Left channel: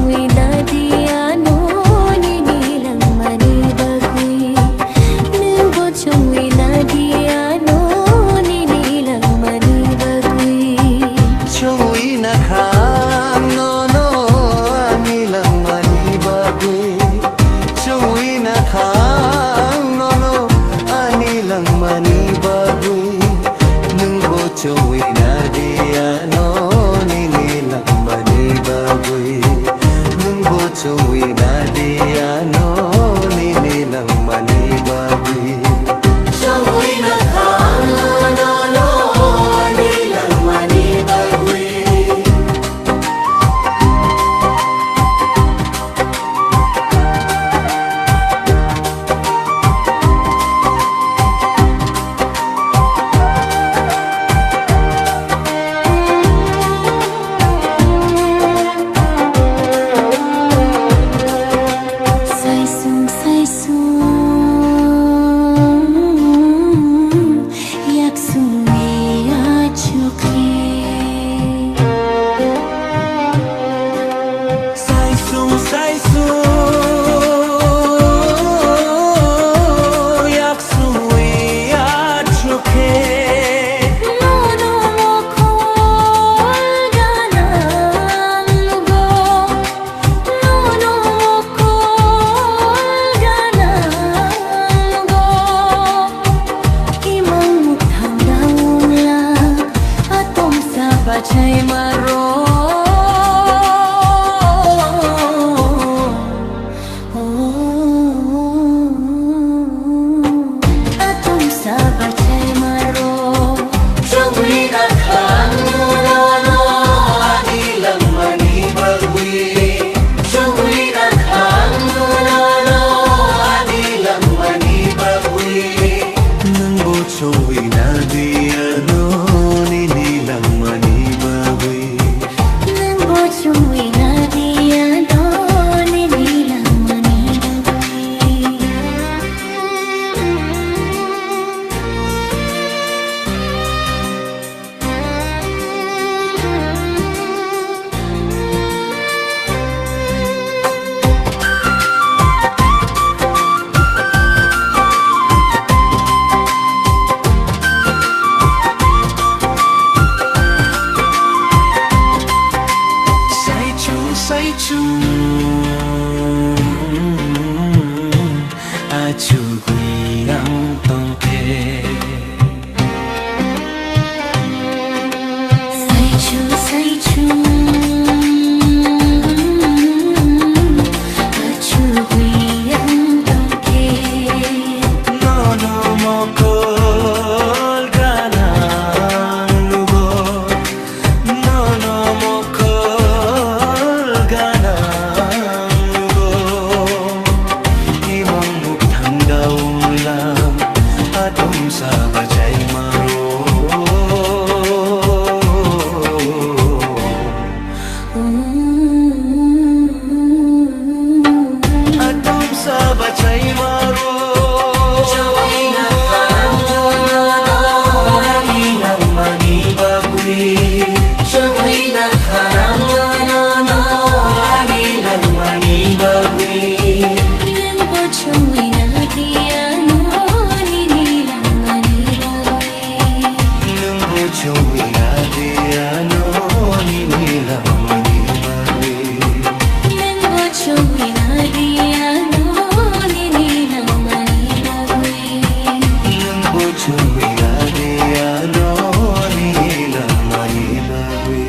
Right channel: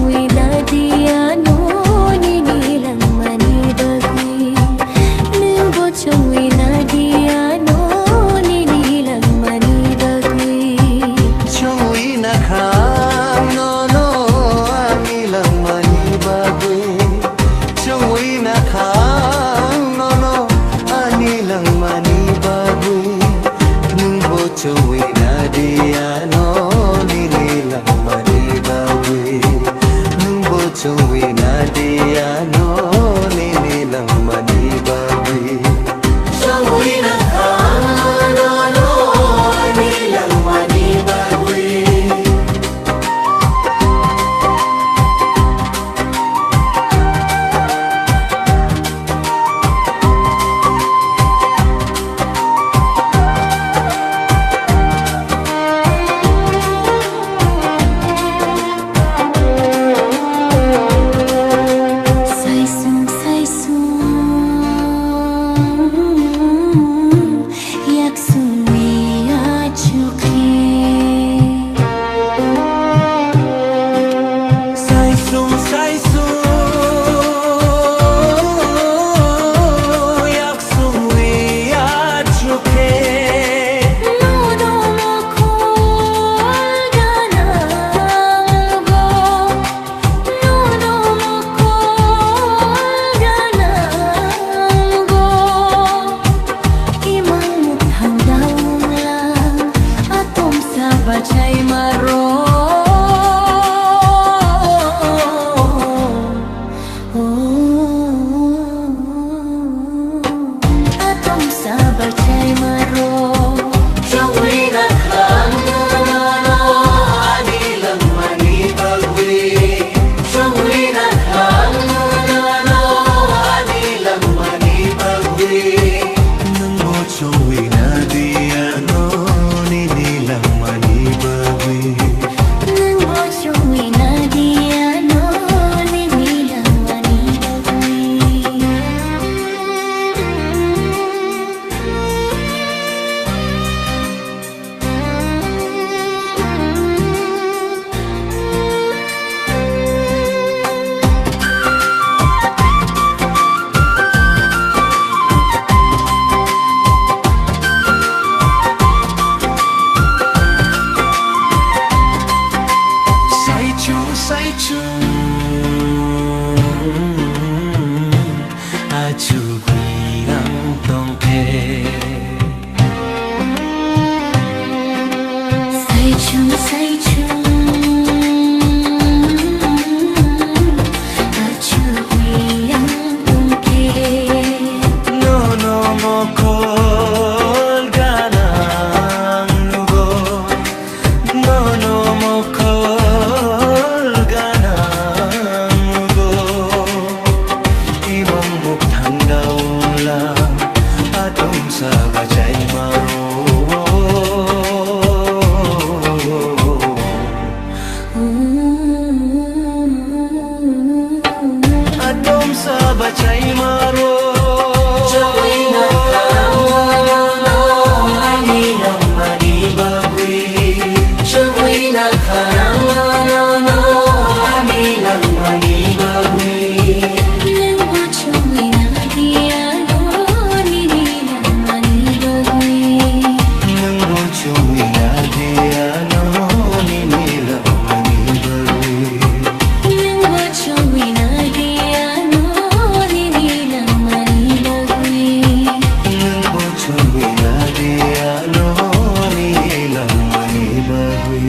bochong na diano ninilang manibagwi nung bochong na diano ninilang manibagwi chongwi na khang no no anilang manibagwi chongwi na khang no no anilang manibagwi nung bochong na diano ninilang manibagwi nung bochong na diano ninilang manibagwi chongwi na khang no no no anilang manibagwi sai su yak sung wi ya chuke no no mo kol ganang go no no mo kol ganang go imang mukhang daung lang atom sa bachay maro sa bachay maro chongwi na khang no no no anilang manibagwi chongwi na khang no no no anilang manibagwi nang bochongwi na diano ninilang manibagwi nang bochongwi na diano ninilang manibagwi say chung a chu gui ang tong khe say chung a chu gui ang tong khe no no mo kol ganang nugo no no mo kol ganang go imang mukhang daung lang atom sa bachay maro atom sa bachay maro chongwi na khang no no anilang manibagwi chongwi na khang no no anilang manibagwi nang bochongwi na diano ninilang manibagwi nang bochongwi na diano ninilang manibagwi nang bochongwi na diano ninilang manibagwi nang bochongwi na diano ninilang manibagwi